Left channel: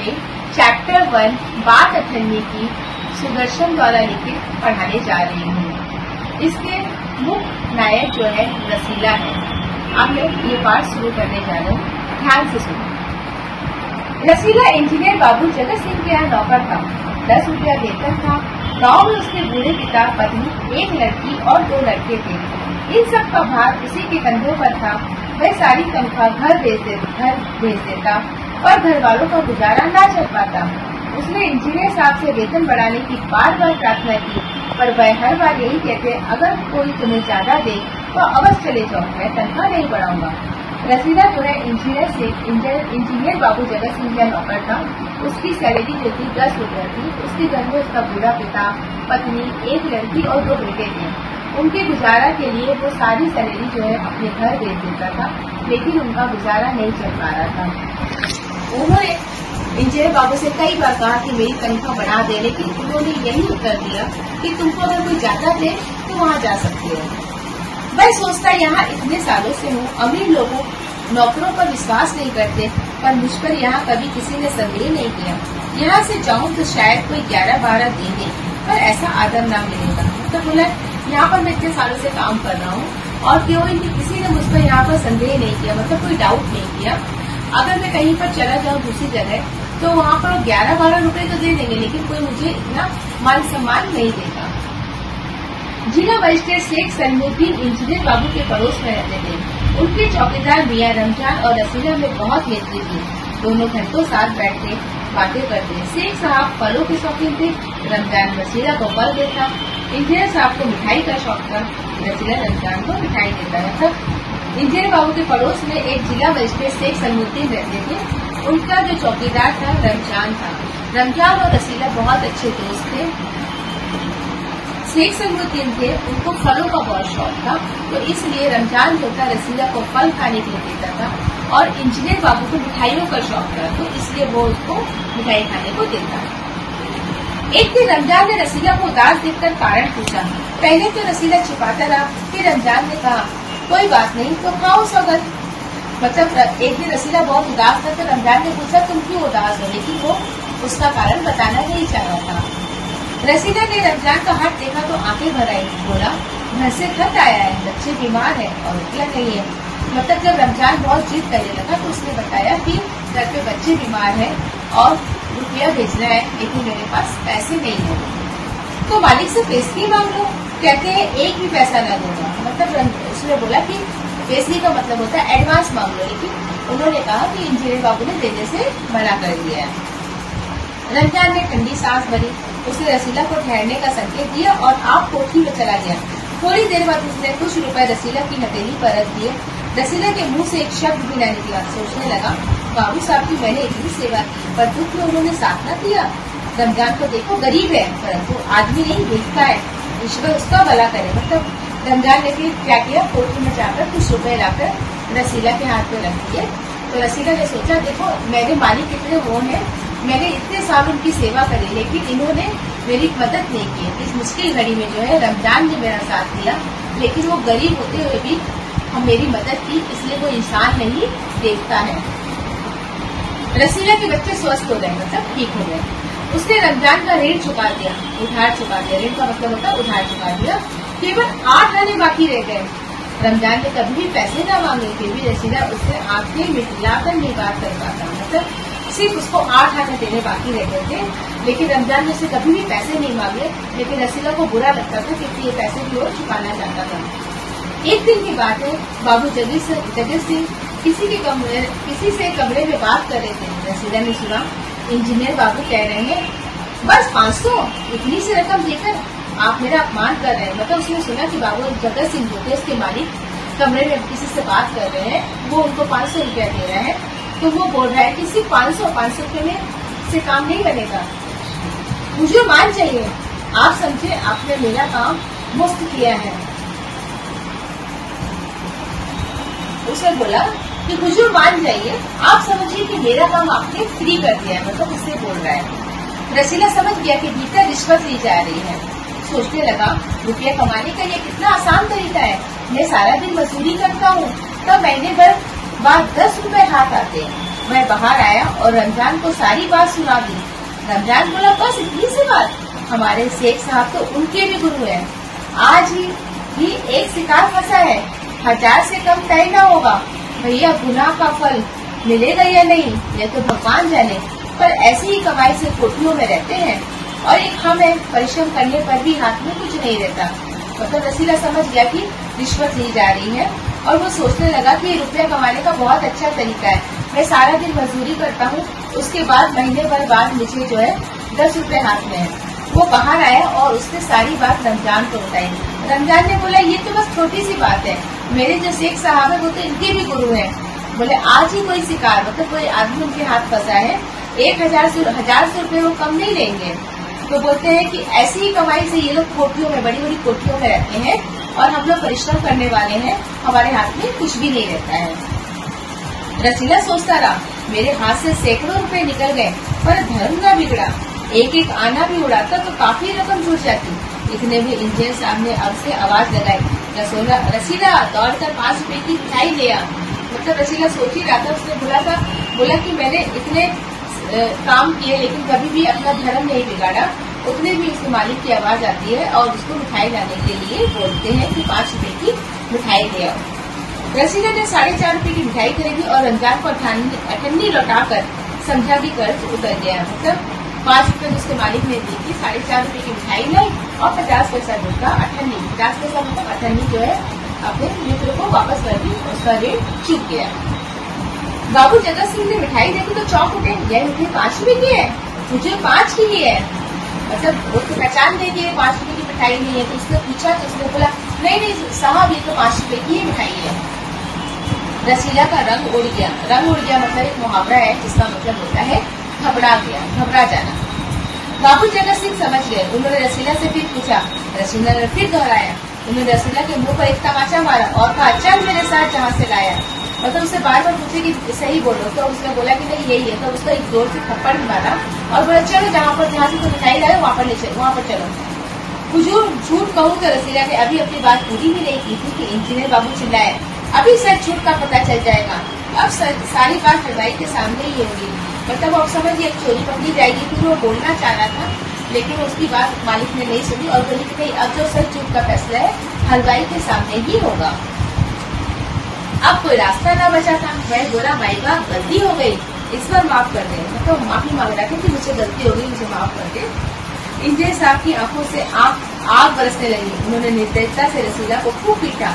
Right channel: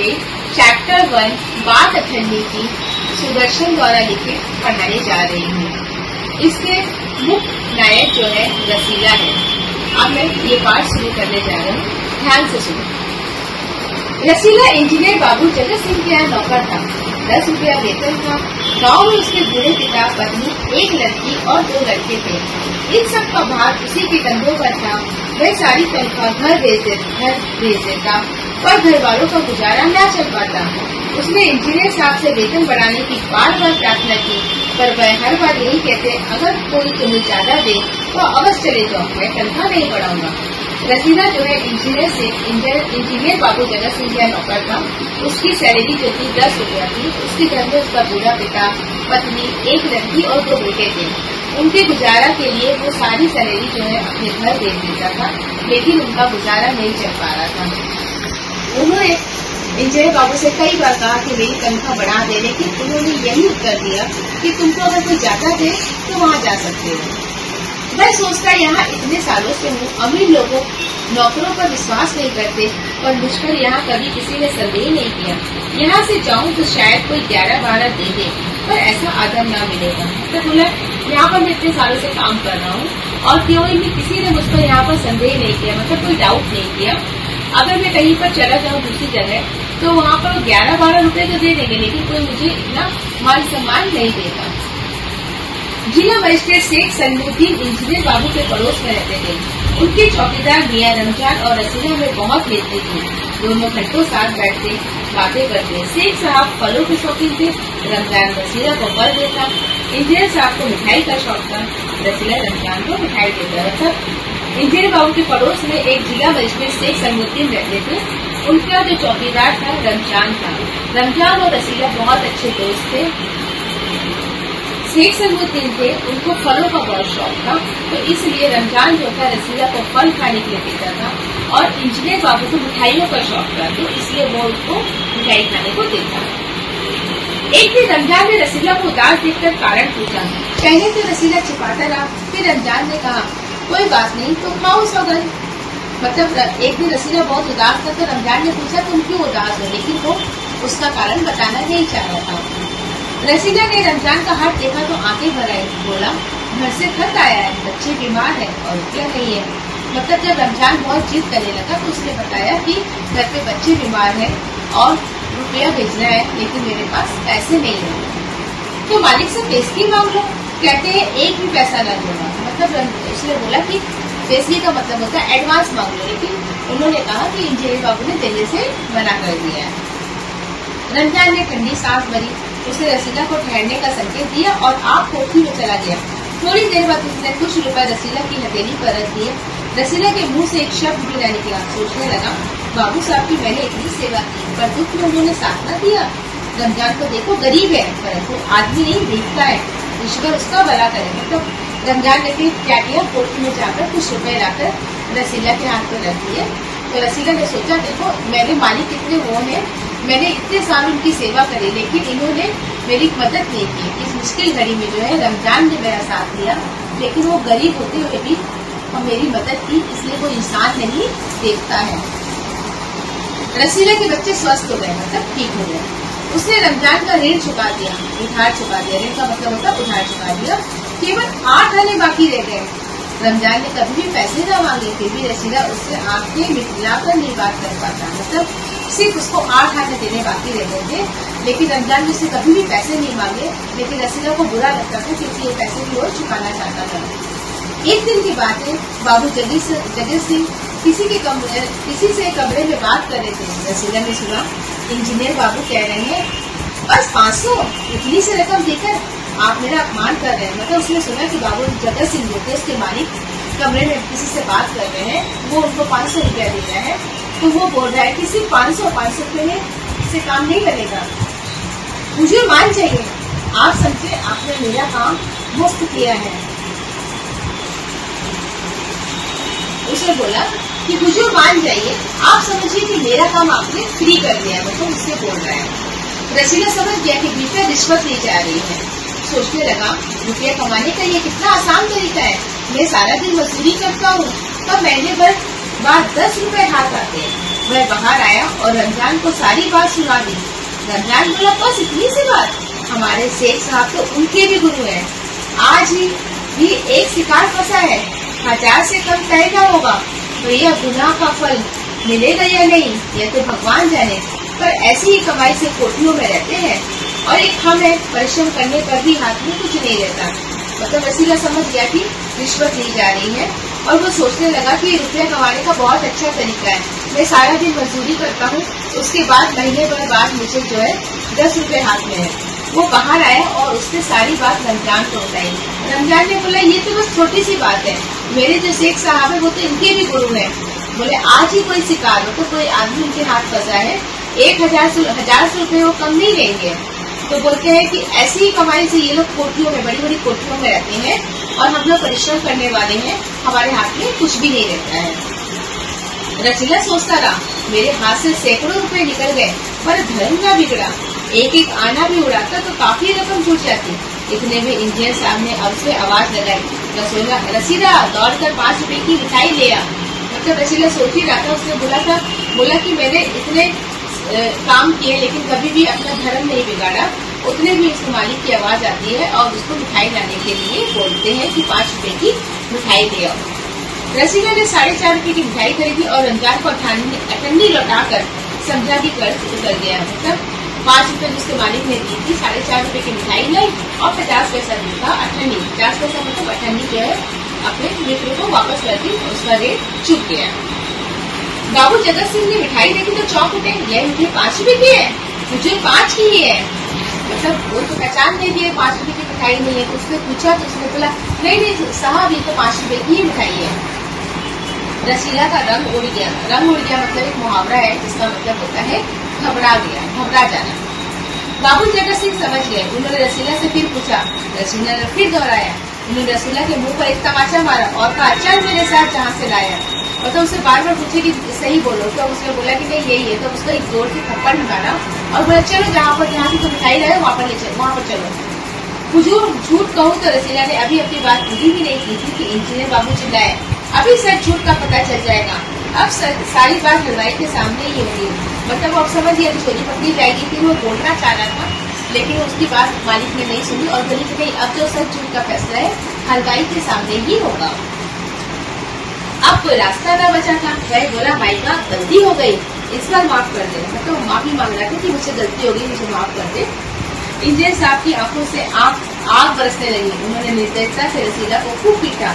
पे चैप्टर 1 बात 18वीं की सुदर्शन द्वारा लिखित पढ़ाने जा रही हूँ। इसके मुख्य नायक जो है रसीला है। अब मैं ये पाठ शुरू करने जा रहा हूँ, ध्यान से सुनो। रसीला इंजीनियर बाबू जगत सिंह के यहाँ नौकर था। 10 रुपया वेतन था। गांव में उसके बूढ़े पिता, पत्नी, एक लड़की और 2 लड़के थे। इन सब का भार उसी के कंधों पर था। वह सारी तनख्वाह घर भेज देता, पर घर वालों का गुजारा न चल पाता। उसने इंजीनियर साहब से वेतन बढ़ाने की बार बार प्रार्थना की, पर वह हर बार यही कहते, अगर कोई तुम्हें ज्यादा दे तो अवश्य चले जाओ, मैं तनख्वाह नहीं बढ़ाऊंगा। रसीला जो है इंजीनियर बाबू जगत सिंह का नौकर था। उसकी सैलरी जो थी 10 रुपया थी। उसके घर में उसका बूढ़ा पिता, पत्नी, एक लड़की और 2 बेटे थे। उनके गुजारा के लिए वो सारी सैलरी जो है अपने घर भेज देता था, लेकिन उनका गुजारा नहीं चल पा रहा था। उन्होंने इंजीनियर बाबू से कई बार कहा कि मेरी तनख्वाह बढ़ा दे, लेकिन उन्होंने यही उत्तर दिया कि तुमको अगर कोई ज्यादा दे तो वहाँ जा सकते हो। मैं सोचता यहाँ इतने सालों से हूँ, अमीर लोगों नौकरों पर विश्वास नहीं करते, पर मुझपर यहाँ कभी किसी ने संदेह नहीं किया। यहाँ से जाऊँ तो शायद कोई 11-12 दे दे, पर ऐसा आदर न मिलेगा। तो बोला, यहाँ पर मैं इतने सालों से काम कर रहा हूँ और क्यों भी किसी ने मुझ पर यहाँ पर संदेह नहीं किया, मतलब कोई डाउट नहीं किया। अगर मैं कहीं पर चला जाऊँ दूसरी जगह तो वहाँ पर 11-12 रुपए तो दे देंगे, लेकिन कोई मुझे इतना मान सम्मान नहीं देगा। जिला मजिस्ट्रेट शेख सलीमुद्दीन इंजीनियर बाबू के पड़ोस में रहते थे। उनके चौकीदार मियां रमजान और रसीला में बहुत मिलती थी। दोनों घंटों साथ बैठते, बातें करते। शेख साहब फलों के शौकीन थे। रमजान रसीला को फल देता। इंजीनियर साहब को मिठाई का शौक था। रसीला रमजान को मिठाई देता था। इंजीनियर बाबू के पड़ोस में एक जिला मजिस्ट्रेट शेख सलीमुद्दीन रहते थे। उनका जो चौकीदार था रमजान था। रमजान और रसीला बहुत अच्छे दोस्त थे। शेख सलीमुद्दीन थे, उनको फलों का बहुत शौक था, तो इसलिए रमजान जो था रसीला को फल खाने के लिए देता था, और इंजीनियर बाबू को मिठाइयों का शौक था, तो इसलिए वो उनको मिठाई खाने को देता। एक दिन रमजान ने रसीला को उदास देखकर कारण पूछा। पहले तो रसीला छिपाता रहा, फिर रमजान ने कहा, कोई बात नहीं तो खाओ सौगंध। मतलब एक दिन रसीला बहुत उदास था, तो रमजान ने पूछा, तुम क्यों उदास हो, लेकिन वो उसका कारण बताना नहीं चाह रहा था। रसीला ने रमजान का हाथ देखा तो आंखें भर आई। बोला, घर से खत आया है, बच्चे बीमार है और रुपया नहीं है। मतलब जब रमजान बहुत जिद करने लगा तो उसने बताया कि घर पे बच्चे बीमार है और रुपया भेजना है, लेकिन मेरे पास पैसे नहीं है। तो मालिक से पेशगी मांग लो। कहते हैं एक भी पैसा न दूंगा। मतलब उसने बोला कि पेशगी का मतलब होता है एडवांस मांग लो, लेकिन उन्होंने कहा कि इंजीनियर बाबू ने देने से मना कर दिया है। रमजान ने ठंडी सांस भरी। उसने रसीला को ठहरने का संकेत दिया और आप कोठरी में चला गया। थोड़ी देर बाद उसने कुछ रुपए रसीला की हथेली पर रख दिए। रसीला के मुंह से एक शब्द भी न निकला। सोचने लगा, बाबू साहब की मैंने इतनी सेवा की, पर दुख में उन्होंने साथ न दिया। रमजान को देखो, गरीब है, परंतु आदमी नहीं देखता है, ईश्वर उसका भला करे। मतलब रमजान ने फिर क्या किया, कोठरी में जाकर कुछ रुपए लाकर रसीला के हाथ में रख दिए। तो रसीला ने सोचा, देखो मेरे मालिक कितने वो हैं, मैंने इतने साल उनकी सेवा करी, लेकिन इन्होंने मेरी मदद नहीं की। इस मुश्किल घड़ी में जो है रमजान ने मेरा साथ दिया, लेकिन वो गरीब होते हुए भी हम मेरी मदद की, इसलिए वो इंसान नहीं देखता है। रसीला के बच्चे स्वस्थ हो गए, मतलब ठीक हो गए। उसने रमजान का ऋण चुका दिया, उधार चुका दिया। ऋण का मतलब होता है उधार चुका दिया। केवल 8 आने बाकी रह गए। रमजान ने कभी भी पैसे न मांगे, फिर भी रसीला उससे आंखें मिलाकर नहीं बात कर पाता। मतलब सिर्फ उसको 8 आने देने बाकी रहते थे, लेकिन रमजान ने उससे कभी भी पैसे नहीं मांगे। लेकिन रसीला को बुरा लगता था क्योंकि ये पैसे भी रोज चुकाना चाहता था। एक दिन की बात है, बाबू जगत सिंह किसी से कमरे में बात कर रहे थे। रसीला ने सुना, इंजीनियर बाबू कह रहे हैं बस 500, इतनी सी रकम देकर आप मेरा अपमान कर रहे हैं। मतलब उसने सुना कि बाबू जगत सिंह जो थे उसके मालिक कमरे में किसी से बात कर रहे हैं, वो उनको 500 रुपया दे रहा है। तो वो बोल रहा है कि सिर्फ 500 रुपये में से काम नहीं बनेगा, मुझे मान चाहिए। आप समझे, आपने मेरा काम मुफ्त किया है। उसे बोला कि मुझे मान जाइए, आप समझिए कि मेरा काम आपने फ्री कर दिया है। मतलब उससे बोल रहा है। रसीला समझ गया कि भीतर रिश्वत ली जा रही है। सोचने लगा, रुपया कमाने का ये कितना आसान तरीका है। मैं सारा दिन मजदूरी करता हूँ, तब महीने भर बाद 10 रुपए हाथ आते हैं। वह बाहर आया और रमजान को सारी बात सुना दी। रमजान बोला, बस इतनी सी बात? हमारे शेख साहब तो उनके भी गुरु हैं। आज ही भी एक शिकार फंसा है, 1000 से कम तय ना होगा। भैया, गुनाह का फल मिलेगा या नहीं यह तो भगवान जाने, पर ऐसी ही कमाई से कोठियों में रहते हैं। और एक हम है, परिश्रम करने पर भी हाथ में कुछ नहीं रहता। मतलब रसीला समझ गया कि रिश्वत ली जा रही है और वो सोचने लगा कि रुपया कमाने का बहुत अच्छा तरीका है। मैं सारा दिन मजदूरी करता हूँ, उसके बाद महीने भर बाद मुझे जो है 10 रुपए हाथ में है। वो बाहर आया और उसने सारी बात रमजान को बताई। रमजान ने बोला, ये तो बस छोटी सी बात है, मेरे जो शेख साहब है वो तो इनके भी गुरु हैं। बोले, आज ही कोई शिकार मतलब कोई आदमी उनके हाथ फंसा है, 1000 से रुपए वो कम नहीं लेंगे। तो बोलते हैं कि ऐसी ही कमाई से ये लोग कोठियों में, बड़ी बड़ी कोठियों में रहते हैं और हम लोग परिश्रम करने वाले हैं, हमारे हाथ में कुछ भी नहीं रहता है। रसीला सोचता रहा, मेरे हाथ से सैकड़ों रुपए निकल गए, पर धर्म ना बिगड़ा। एक एक आना भी उड़ाता तो काफी रकम जुट जाती। इतने में इंजीनियर साहब ने उससे आवाज लगाई, रसीला दौड़कर 5 रुपए की मिठाई ले आ। मतलब रसीला सोच ही रहा था, उसने बोला कि मैंने इतने काम किए लेकिन कभी भी अपना धर्म नहीं बिगाड़ा। उतने भी उसके मालिक की आवाज आती है और उसको मिठाई लाने के लिए बोलते हैं कि 5 रुपए की मिठाई ले आओ। रसीला ने 4.5 रुपए की मिठाई खरीदी और रमजान को अठन्नी लौटाकर समझा कि कर्ज उतर गया। मतलब 5 रुपए जिसके मालिक ने दी थी, 4.5 रुपए की मिठाई लाई और 50 पैसा दूसरा अठन्नी, 50 पैसा मतलब अठन्नी जो है अपने मित्र को वापस कर दी, उसका रेट चुक गया। बाबू जगत सिंह ने मिठाई देखी तो चौंक उठे, यह मिठाई 5 रुपए की है, मुझे 5 की ही है। मतलब वो तो पहचान गई कि 5 रुपए की मिठाई नहीं है। तो उसने पूछा तो उसने बोला, नहीं साहब, ये तो 5 रुपए की ही मिठाई है। रसीला का रंग उड़ गया। रंग उड़ गया मतलब एक मुहावरा है जिसका मतलब होता है घबरा गया, घबरा जाना। बाबू जगत सिंह समझ गए। उन्होंने रसीला से फिर पूछा। रसीला ने फिर दोहराया। उन्होंने रसीला के मुंह पर एक तमाचा मारा और कहा, चल मेरे साथ जहाँ से लाया। मतलब उसे बार बार पूछे कि सही बोलो, तो उसने बोला कि नहीं यही है। तो उसका एक जोर से थप्पड़ भी मारा और बोला, चलो जहाँ से तुम मिठाई लाए वहाँ पर चलो। हुजूर, झूठ कहूँ तो रसीला ने अभी अपनी बात पूरी भी नहीं की थी कि इंजीनियर बाबू चिल्लाए, अभी सच झूठ का पता चल जाएगा। अब सारी बात हलवाई के सामने ही होगी। मतलब अब समझ गया कि चोरी पकड़ी जाएगी। फिर वो बोलना चाह रहा था लेकिन उसकी बात मालिक ने नहीं सुनी और बोली कि नहीं, अब जो सच झूठ का फैसला है हलवाई के सामने ही होगा। अब कोई रास्ता ना बचा था। वह बोला, भाई बात गलती हो गई, इस बार माफ कर दे। तो माफी मांग रहा था कि मुझे गलती हो गई, मुझे माफ कर दे। इंजीनियर साहब की आंखों से आग बरसने लगी। उन्होंने निर्दयता से रसीला को खूब पीटा,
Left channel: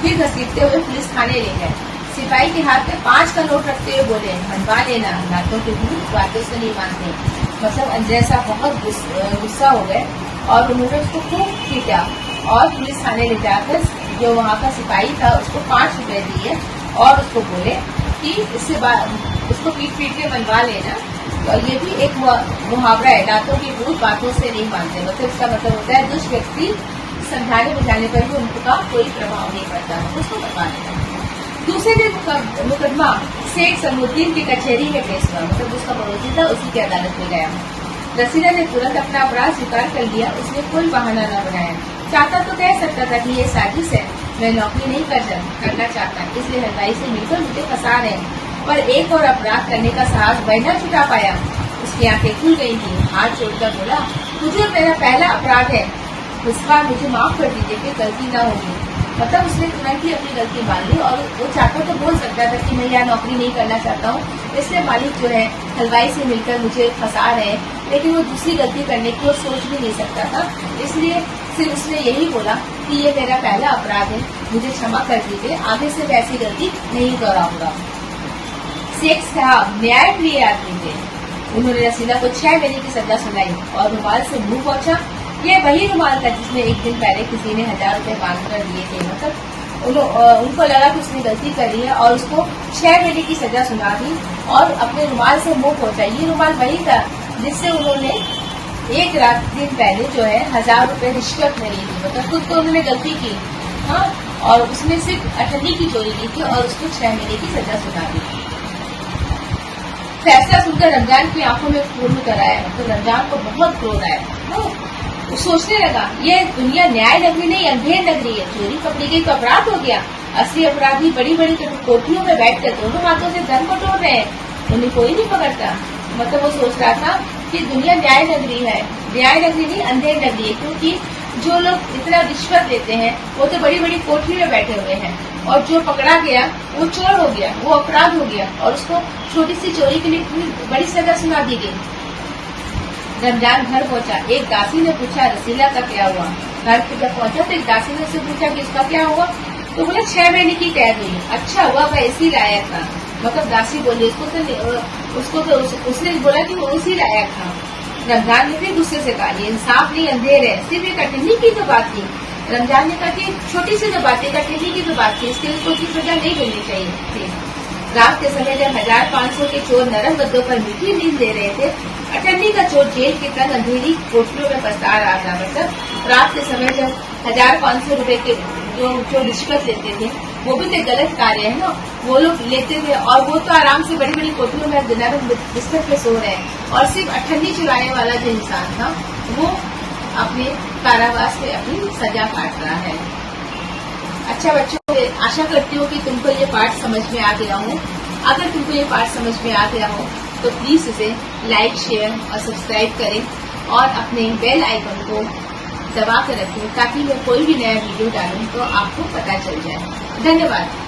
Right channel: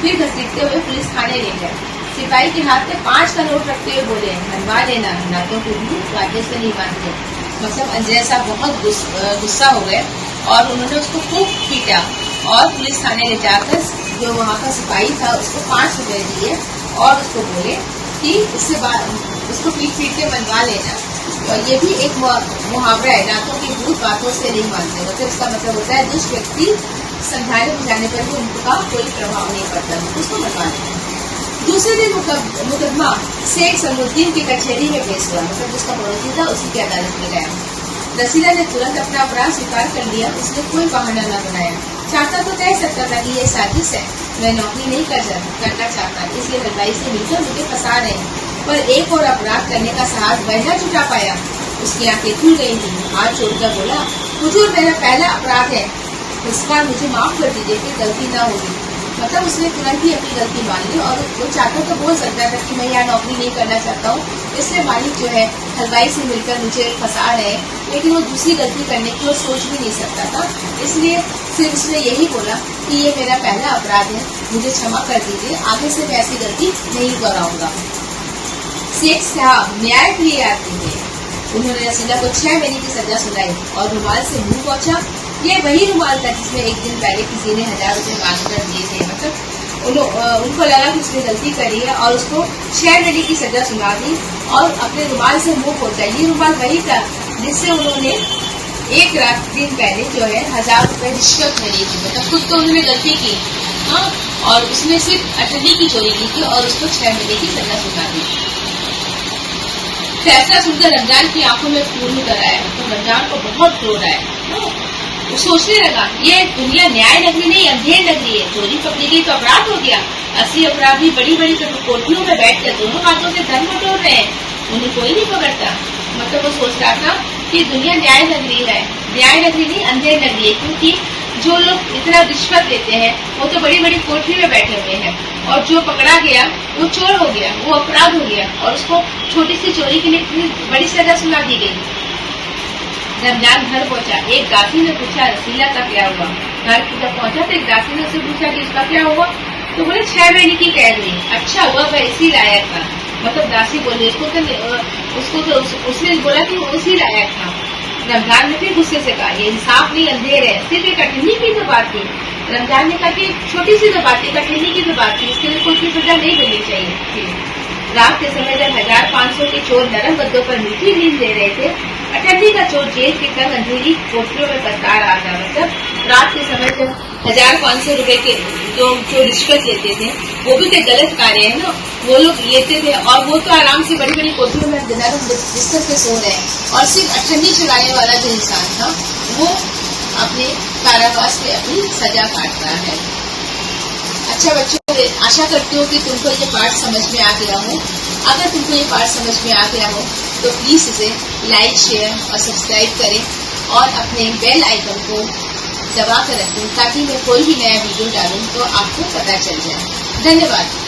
फिर घसीटते हुए पुलिस थाने ले गए। सिपाही के हाथ में 5 का नोट रखते हुए बोले, मनवा लेना, नातों के भूत बातों से नहीं मानते। मतलब इंजीनियर साहब बहुत गुस्सा हो गए और उन्होंने उसको खूब पीटा और पुलिस थाने ले जाकर जो वहाँ का सिपाही था उसको 5 रुपए दिए और उसको बोले कि उसको पीट के मनवा लेना। और ये भी एक मुहावरा है, नातों की भूत बातों से नहीं मानते। मतलब इसका मतलब होता है जिस व्यक्ति समझाने बुझाने पर भी उनका कोई प्रभाव नहीं पड़ता, उसको मनवा लेना। दूसरे दिन मुकदमा शेख सलमुद्दीन की कचहरी में पेश हुआ। मतलब उसका पड़ोसी था, उसी की अदालत में गया। रसीला ने तुरंत अपना अपराध स्वीकार कर लिया। उसने कोई बहाना न बनाया। चाहता तो कह सकता था कि ये साजिश है, मैं नौकरी नहीं करना चाहता, इसलिए हलवाई से मिलकर मुझे फंसा रहे हैं। पर एक और अपराध करने का साहस वह न जुटा पाया। उसकी आंखें खुल गई थी। हाथ छोड़कर बोला, हुजूर, मेरा पहला अपराध है, इस बार मुझे माफ कर दीजिए, फिर गलती ना होगी। मतलब उसने तुरंत ही अपनी गलती मान ली और वो चाहता तो बोल सकता था कि मैं यहाँ नौकरी नहीं करना चाहता हूँ, इसलिए मालिक जो है हलवाई से मिलकर मुझे फंसा रहे हैं। लेकिन वो दूसरी गलती करने की वो सोच भी नहीं सकता था, इसलिए सिर्फ उसने यही बोला कि ये मेरा पहला अपराध है, मुझे क्षमा कर दीजिए, आगे से मैं ऐसी गलती नहीं दोहराऊंगा। शेख साहब न्याय के लिए आते थे। उन्होंने रसीला को 6 महीने की सजा सुनाई और रुमाल से मुंह पोंछा। ये वही रुमाल था जिसमें एक दिन पहले किसी ने 1000 रुपए बांध कर दिए थे। मतलब उनको लगा कि उसने गलती करी है और उसको 6 महीने की सजा सुना दी और अपने रुमाल से मुंह पोंछा। ये रुमाल वही था जिससे उन्होंने एक रात दिन पहले जो है 1000 रुपए रिश्वत में ली थी। मतलब खुद तो उन्होंने गलती की, हाँ, और उसमें सिर्फ अठन्नी की चोरी की थी और उसको 6 महीने की सजा सुना दी। फैसला सुनकर रमजान की आंखों में खून उतर आया। मतलब रमजान को बहुत क्रोध आया। वो सोचने लगा, ये दुनिया न्याय नगरी नहीं अंधेर नगरी है। चोरी पकड़ी गई तो अपराध हो गया, असली अपराधी बड़ी बड़ी कोठरियों में बैठकर दोनों हाथों से धन बटोर रहे हैं। उन्हें कोई नहीं पकड़ता। मतलब वो सोच रहा था कि दुनिया न्याय नगरी है, न्याय नगरी नहीं अंधेर नगरी है, क्योंकि जो लोग इतना रिश्वत देते हैं वो तो बड़ी बड़ी कोठरी में बैठे हुए हैं, और जो पकड़ा गया वो चोर हो गया, वो अपराध हो गया, और उसको छोटी सी चोरी के लिए इतनी बड़ी सजा सुना दी गई। रमजान घर पहुंचा, एक दासी ने पूछा रसीला का क्या हुआ। घर जब पहुंचा तो एक दासी ने उससे पूछा कि इसका क्या हुआ, तो बोले 6 महीने की कैद हुई। अच्छा हुआ वह इसी लायक था। मतलब दासी बोली उसने बोला कि वो उसी लायक था। रमजान ने फिर गुस्से से कहा ये इंसाफ नहीं अंधेर है, सिर्फ एक अठन्नी की तो बात थी। रमजान ने कहा कि छोटी सी तो बात थी, अठन्नी की तो बात थी, इसके लिए कोई सजा नहीं मिलनी चाहिए। रात के समय जब 1500 के चोर नरम गद्दों पर मीठी नींद दे रहे थे, अठन्नी का चोर जेल के तंग अंधेरी कोठरियों में पछता रहा था। मतलब रात के समय जब 1500 रुपए के जो रिश्वत लेते थे, वो भी तो गलत कार्य है ना, वो लोग लेते थे, और वो तो आराम से बड़ी बड़ी कोठरियों में नरम बिस्तर पे सो रहे हैं, और सिर्फ अठन्नी चुराने वाला जो इंसान था वो अपने कारावास में अपनी सजा काट रहा है। अच्छा बच्चों, आशा करती हूँ कि तुमको ये पाठ समझ में आ गया हो। अगर तुमको ये पाठ समझ में आ गया हो तो प्लीज इसे लाइक, शेयर और सब्सक्राइब करें, और अपने बेल आइकन को दबा कर रखें ताकि मैं कोई भी नया वीडियो डालूं तो आपको पता चल जाए। धन्यवाद।